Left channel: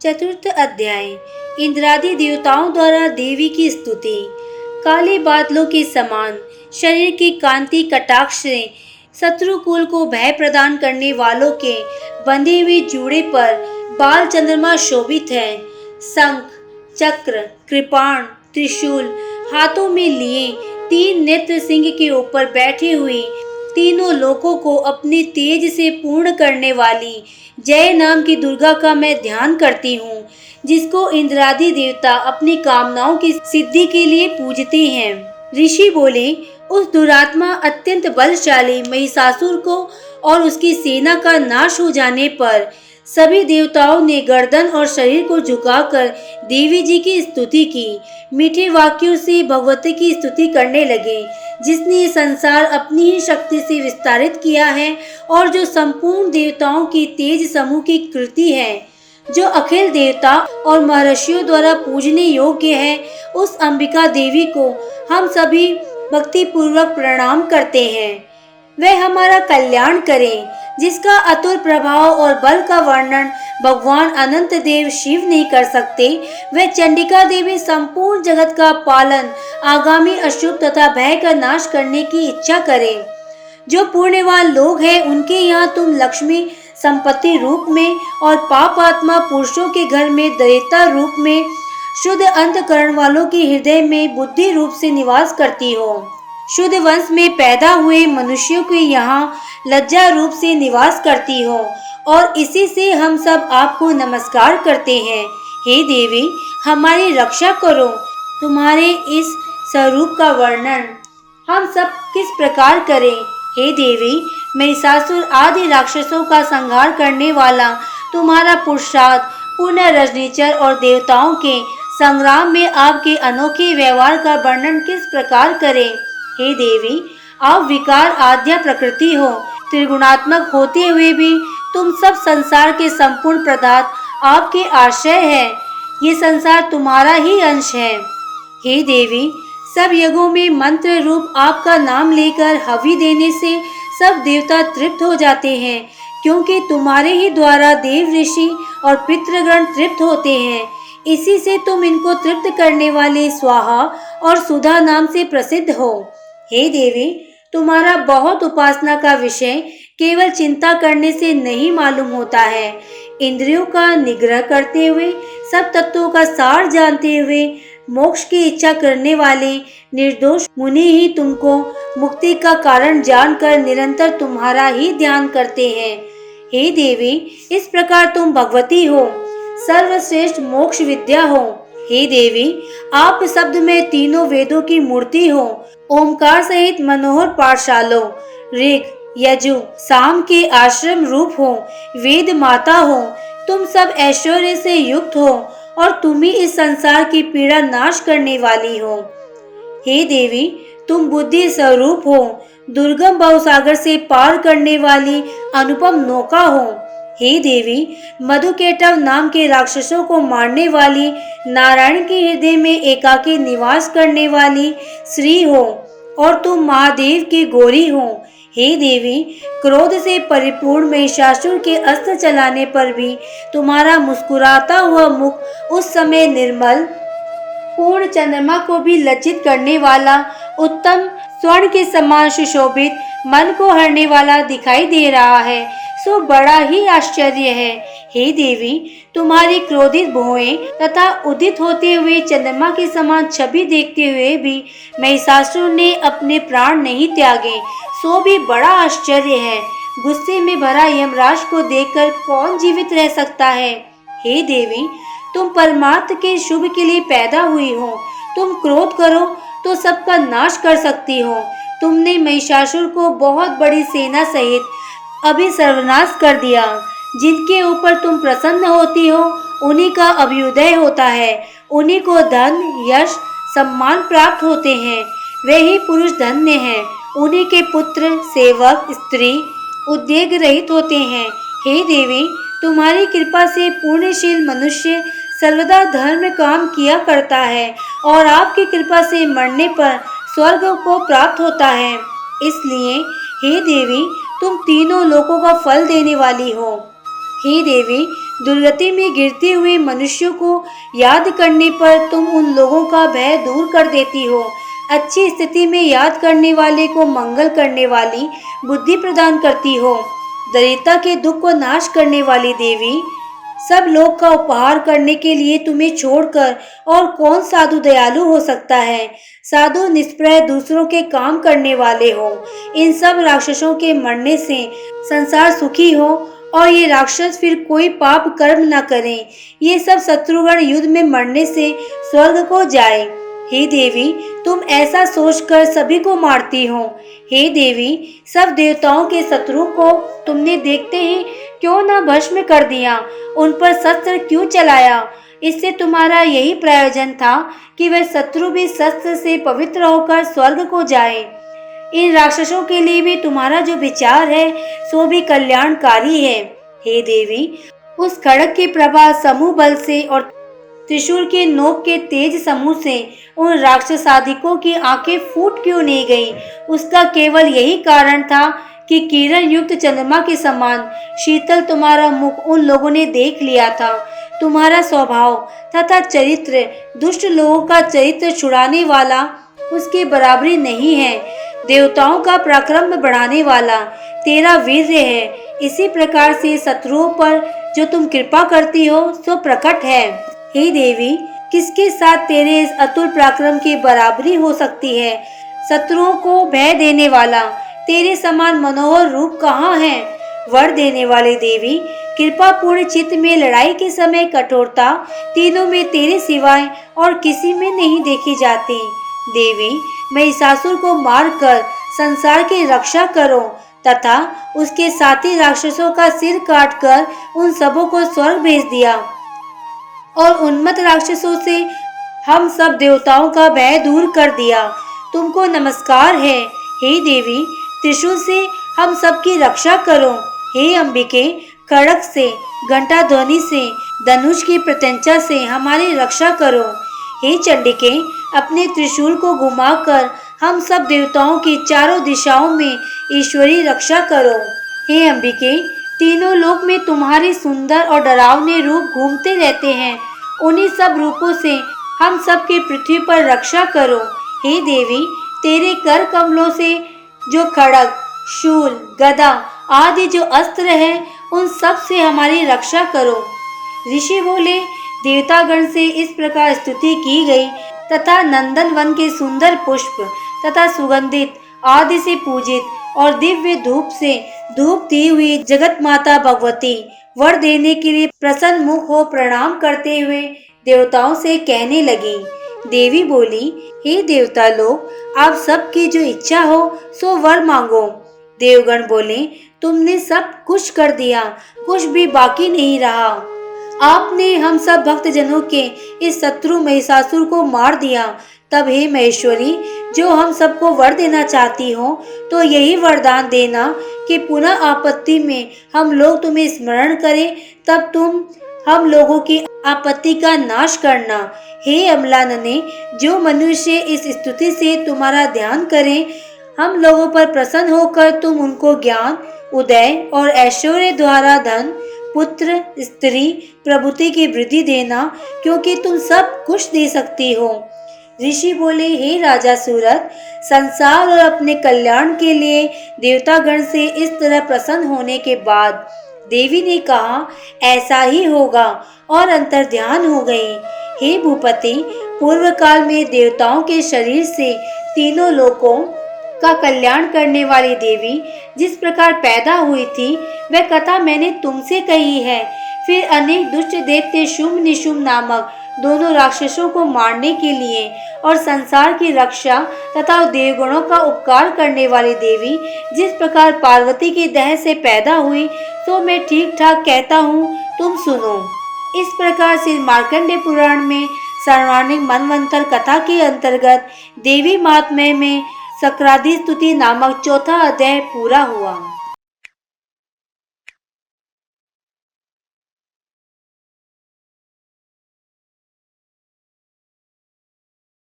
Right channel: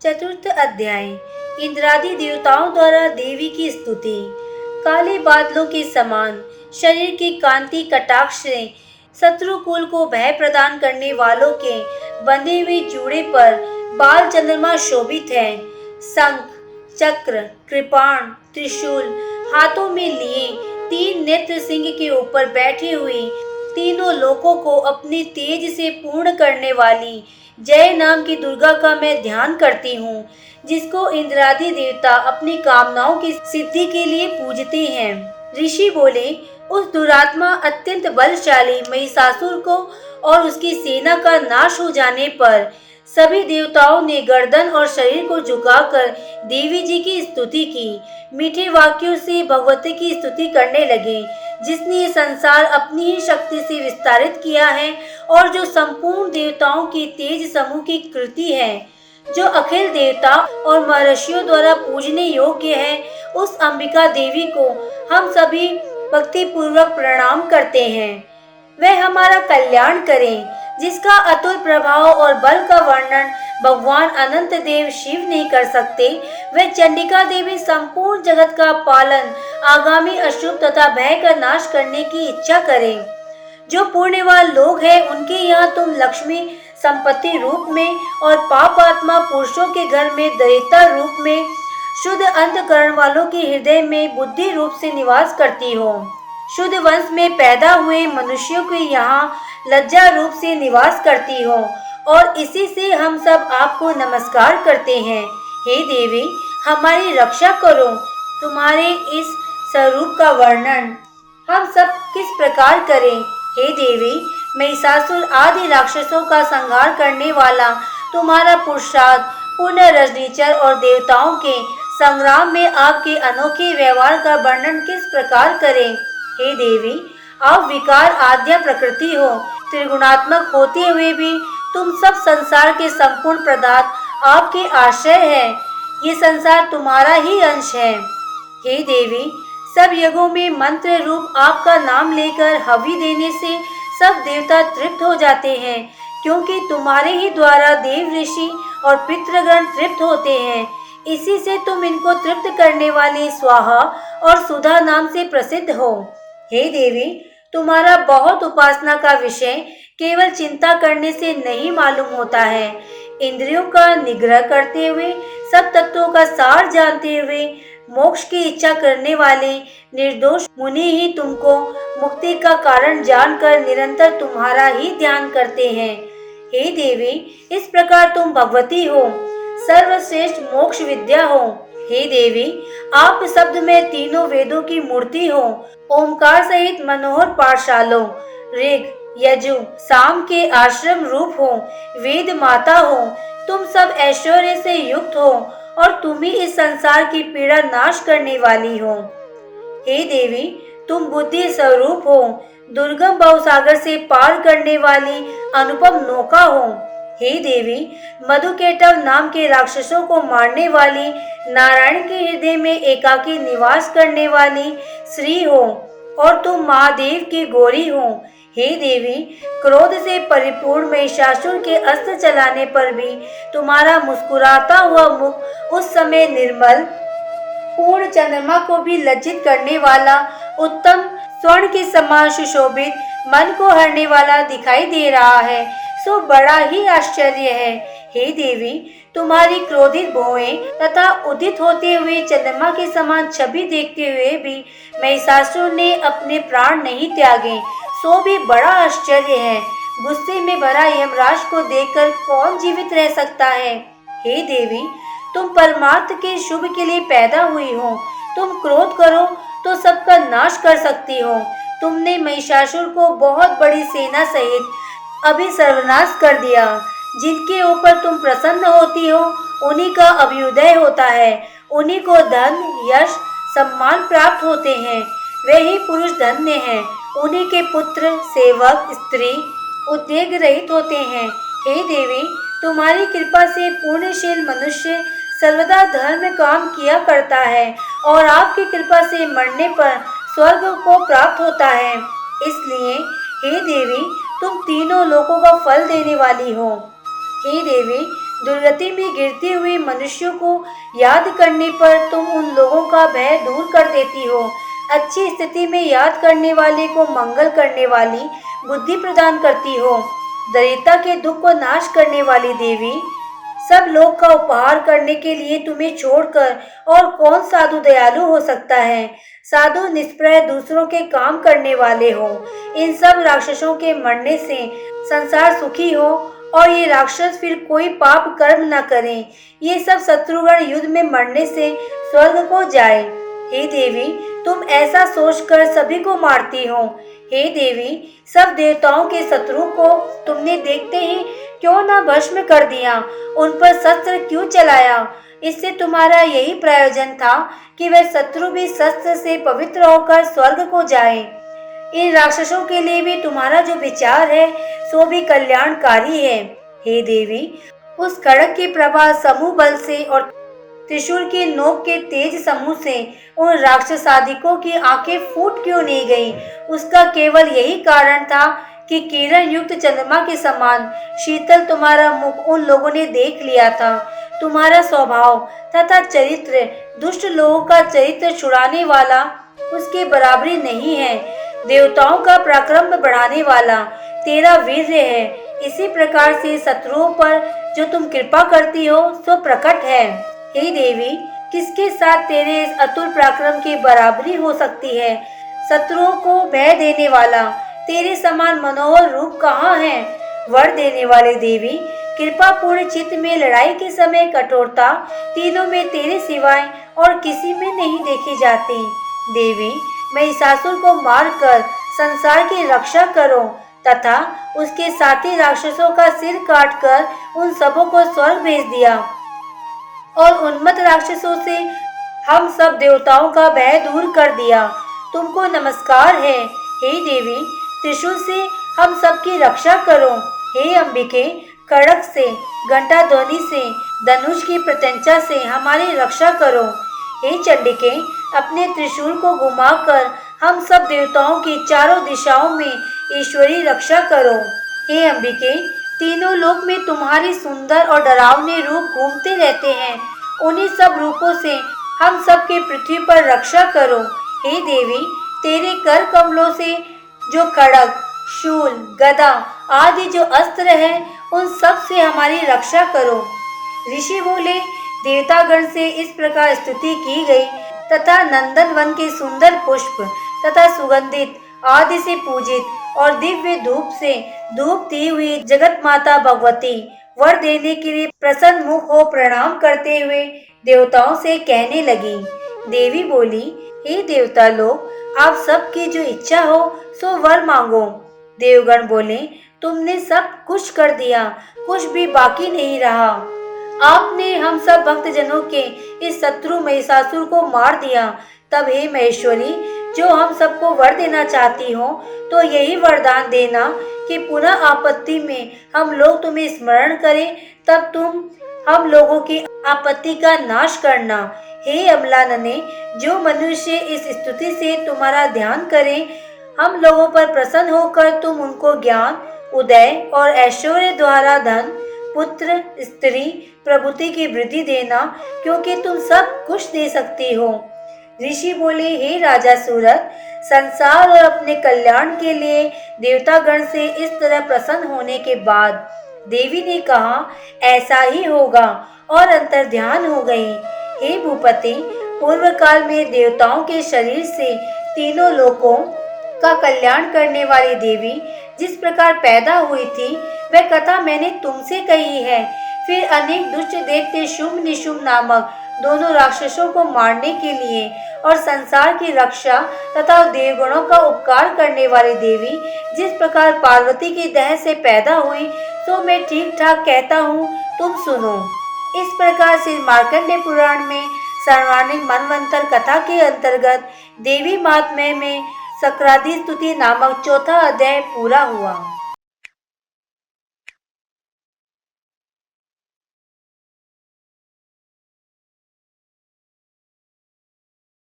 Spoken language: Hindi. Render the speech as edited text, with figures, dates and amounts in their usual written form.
चतुर्थ अध्याय। इंद्रादि देवताओं द्वारा देवी की स्तुति। काले बादलों के समान शरीर की कांति कटाक्ष से शत्रुकुल को भय प्रदान करने वालों के बंधे हुए जूड़े पर बाल चंद्रमा शोभित है। शंख, चक्र, कृपाण, त्रिशूल हाथों में लिए तीन नेत्र सिंह के ऊपर बैठे हुए तीनों लोकों को अपने तेज से पूर्ण करने वाली जय नाम की दुर्गा का मैं ध्यान करती हूँ, जिसको इंद्रादि देवता अपनी कामनाओं की सिद्धि के लिए पूजते हैं। ऋषि बोले, उस दुरात्मा अत्यंत बलशाली महिषासुर को और उसकी सेना का नाश हो जाने पर सभी देवताओं ने गर्दन और शरीर को झुकाकर देवी जी की स्तुति की। मीठे वाक्यों से भगवती की स्तुति करने लगे, जिसने ये संसार अपनी ही शक्ति से विस्तारित किया है और जो संपूर्ण देवताओं की तेज समूह की कृति है, जो अखिल देवता और महर्षियों द्वारा पूजने योग्य है। उस अंबिका देवी को हम सभी भक्ति पूर्वक प्रणाम करते हैं। वह हमारा कल्याण करे, जिसका अतुल प्रभाव और बल का वर्णन भगवान अनंत देव शिव नहीं कर सकते। वह चंडिका देवी संपूर्ण जगत का पालन, आगामी अशुभ तथा भय का नाश करने की इच्छा करे। जो पुण्यवान लोग हैं, उनके यहाँ तुम लक्ष्मी संपत्ति रूप में और पाप आत्मा पुरुषों के घर में दरिद्रता रूप में, शुद्ध अंतकरण वालों के हृदय में बुद्धि रूप से निवास करती हो। शुद्ध वंश में पैदा हुए मनुष्यों के यहाँ लज्जा रूप से निवास करती हो और इसी से हम सब आपको नमस्कार करते हैं। हे देवी, हमारी रक्षा करो। तुम्हारे इस स्वरूप का वर्णन हम सब किस प्रकार करें। हे देवी, महिषासुर आदि राक्षसों का संहार करने वाला तुम्हारा पुरुषार्थ पुण्य रजनीचर और देवताओं के संग्राम में आपके अनोखे व्यवहार का वर्णन किस प्रकार करें। हे देवी, आप विकार आद्या प्रकृति हो, त्रिगुणात्मक होते हुए भी तुम सब संसार के संपूर्ण पदार्थ आपके आश्रय है। ये संसार तुम्हारा ही अंश है। हे देवी, सब यज्ञों में मंत्र रूप आपका नाम लेकर हवि देने से सब देवता तृप्त हो जाते हैं, क्योंकि तुम्हारे ही द्वारा देव ऋषि और पितृगण तृप्त होते हैं। इसी से तुम इनको तृप्त करने वाले स्वाहा और सुधा नाम से प्रसिद्ध हो। हे देवी, तुम्हारा बहुत उपासना का विषय केवल चिंता करने से नहीं मालूम होता है। इंद्रियों का निग्रह करते हुए, सब तत्वों का सार जानते हुए, मोक्ष की इच्छा करने वाले निर्दोष मुनि ही तुमको मुक्ति का कारण जानकर निरंतर तुम्हारा ही ध्यान करते हैं। हे देवी, इस प्रकार तुम भगवती हो, सर्वश्रेष्ठ मोक्ष विद्या हो। हे देवी, आप शब्द में तीनों वेदों की मूर्ति हो। ओमकार सहित मनोहर पाठशालों, ऋग, यजु, साम के आश्रम रूप हो। वेद माता हो, तुम सब ऐश्वर्य से युक्त हो और तुम ही इस संसार की पीड़ा नाश करने वाली हो। हे देवी, तुम बुद्धि स्वरूप हो, दुर्गम भवसागर से पार करने वाली अनुपम नौका हो। हे देवी, मधुकेटव नाम के राक्षसों को मारने वाली, नारायण के हृदय में एकाकी निवास करने वाली श्री हो और तुम महादेव की गौरी हो। हे देवी, क्रोध से परिपूर्ण महिषासुर के अस्त्र चलाने पर भी तुम्हारा मुस्कुराता हुआ मुख उस समय निर्मल पूर्ण चंद्रमा को भी लज्जित करने वाला, उत्तम स्वर्ण के समान सुशोभित, मन को हरने वाला दिखाई दे रहा है, सो बड़ा ही आश्चर्य है। हे देवी, तुम्हारी क्रोधित भुएं तथा उदित होते हुए चंद्रमा के समान छवि देखते हुए भी महिषासुर ने अपने प्राण नहीं त्यागे, सो भी बड़ा आश्चर्य है। गुस्से में भरा यमराज को देखकर कौन जीवित रह सकता है। हे देवी, तुम परमात्म के शुभ के लिए पैदा हुई हो। तुम क्रोध करो तो सबका नाश कर सकती हो। तुमने महिषासुर को बहुत बड़ी सेना सहित अभी सर्वनाश कर दिया। जिनके ऊपर तुम प्रसन्न होती हो, उन्हीं का अभ्युदय होता है। उन्हीं को धन, यश, सम्मान प्राप्त होते हैं। वे ही पुरुष धन्य हैं। उन्हीं के पुत्र, सेवक, स्त्री उद्वेग रहित होते हैं। हे देवी, तुम्हारी कृपा से पुण्यशील मनुष्य सर्वदा धर्म काम किया करता है और आपकी कृपा से मरने पर स्वर्ग को प्राप्त होता है। इसलिए हे देवी, तुम तीनों लोकों का फल देने वाली हो। हे देवी, दुर्गति में गिरते हुए मनुष्यों को याद करने पर तुम उन लोगों का भय दूर कर देती हो। अच्छी स्थिति में याद करने वाले को मंगल करने वाली बुद्धि प्रदान करती हो। दरिद्रता के दुख को नाश करने वाली देवी, सब लोग का उपहार करने के लिए तुम्हें छोड़कर और कौन साधु दयालु हो सकता है। साधु निष्प्रय दूसरों के काम करने वाले हो। इन सब राक्षसों के मरने से संसार सुखी हो और ये राक्षस फिर कोई पाप कर्म न करें। ये सब शत्रुगण युद्ध में मरने से स्वर्ग को जाए। हे देवी, तुम ऐसा सोचकर सभी को मारती हो। हे देवी, सब देवताओं के शत्रु को तुमने देखते ही क्यों न भस्म कर दिया, उन पर शस्त्र क्यों चलाया। इससे तुम्हारा यही प्रयोजन था कि वह शत्रु भी शस्त्र से पवित्र होकर स्वर्ग को जाए। इन राक्षसों के लिए भी तुम्हारा जो विचार है सो भी कल्याणकारी है। हे देवी, उस खड़ग की प्रभा समूह बल से और त्रिशूल के नोक के तेज समूह से उन राक्षसाधिकों की आंखें फूट क्यों नहीं गईं? उसका केवल यही कारण था कि किरण युक्त चंद्रमा के समान शीतल तुम्हारा मुख उन लोगों ने देख लिया था। तुम्हारा स्वभाव तथा चरित्र दुष्ट लोगों का चरित्र छुड़ाने वाला उसके बराबरी नहीं है। देवताओं का पराक्रम बढ़ाने वाला तेरा वीर्य है। इसी प्रकार से शत्रुओं पर जो तुम कृपा करती हो सो प्रकट है। हे देवी, किसके साथ तेरे इस अतुल पराक्रम की बराबरी हो सकती है? शत्रुओं को भय देने वाला तेरे समान मनोहर रूप कहाँ है? वर देने वाले देवी, कृपा पूर्ण चित्त में लड़ाई के समय कठोरता तीनों में तेरे सिवाय और किसी में नहीं देखी जाती। देवी, महिषासुर को मारकर संसार की रक्षा करो तथा उसके साथी राक्षसों का सिर काटकर उन सबों को स्वर्ग भेज दिया और उन्मत्त राक्षसों से हम सब देवताओं का भय दूर कर दिया। तुमको नमस्कार है। हे देवी, त्रिशूल से हम सबकी रक्षा करो। हे अंबिके, खड्ग से, घंटा ध्वनि से, धनुष की प्रत्यंचा से हमारी रक्षा करो। हे चंडिके, अपने त्रिशूल को घुमाकर हम सब देवताओं की चारों दिशाओं में ईश्वरी रक्षा करो। हे अंबिके, तीनों लोक में तुम्हारे सुंदर और डरावने रूप घूमते रहते हैं। उन्हीं सब रूपों से हम सब की पृथ्वी पर रक्षा करो। हे देवी, तेरे कर कमलों से जो खड्ग, शूल, गदा आदि जो अस्त्र है उन सब से हमारी रक्षा करो। ऋषि बोले, देवतागण से इस प्रकार स्तुति की गई तथा नंदन वन के सुंदर पुष्प तथा सुगंधित आदि से पूजित और दिव्य धूप से धूप दी हुई जगत माता भगवती वर देने के लिए प्रसन्न मुख हो प्रणाम करते हुए देवताओं से कहने लगी। देवी बोली, हे देवता लोग, आप सबकी जो इच्छा हो सो वर मांगो। देवगण बोले, तुमने सब कुछ कर दिया, कुछ भी बाकी नहीं रहा। आपने हम सब भक्तजनों के इस शत्रु महिषासुर को मार दिया। तब हे महेश्वरी, जो हम सबको वर देना चाहती हो तो यही वरदान देना कि पुनः आपत्ति में हम लोग तुम्हें स्मरण करें, तब तुम हम लोगों की आपत्ति का नाश करना। हे अमलानने, जो मनुष्य इस स्तुति से तुम्हारा ध्यान करें, हम लोगों पर प्रसन्न होकर तुम उनको ज्ञान, उदय और ऐश्वर्य द्वारा धन, पुत्र, स्त्री, प्रभुति की वृद्धि देना, क्योंकि तुम सब कुछ दे सकती हो। ऋषि बोले, हे राजा सूरत, संसार और अपने कल्याण के लिए देवतागण से इस तरह प्रसन्न होने के बाद देवी ने कहा, ऐसा ही होगा, और अंतर्ध्यान हो गई। हे भूपति, पूर्व काल में देवताओं के शरीर से तीनों लोकों का कल्याण करने वाली देवी जिस प्रकार पैदा हुई थी, वह कथा मैंने तुमसे कही है। फिर अनेक दुष्ट दैत्य शुंभ निशुंभ नामक दोनों राक्षसों को मारने के लिए और संसार की रक्षा तथा देवगणों का उपकार करने वाली देवी जिस प्रकार पार्वती के देह से पैदा हुई, तो मैं ठीक ठाक कहता हूँ, तुम सुनो। इस प्रकार श्री मार्कंडेय पुराण में सर्वाणिक मनवंतर कथा के अंतर्गत देवी महात्म्य में सक्रादि स्तुति नामक चौथा अध्याय पूरा हुआ।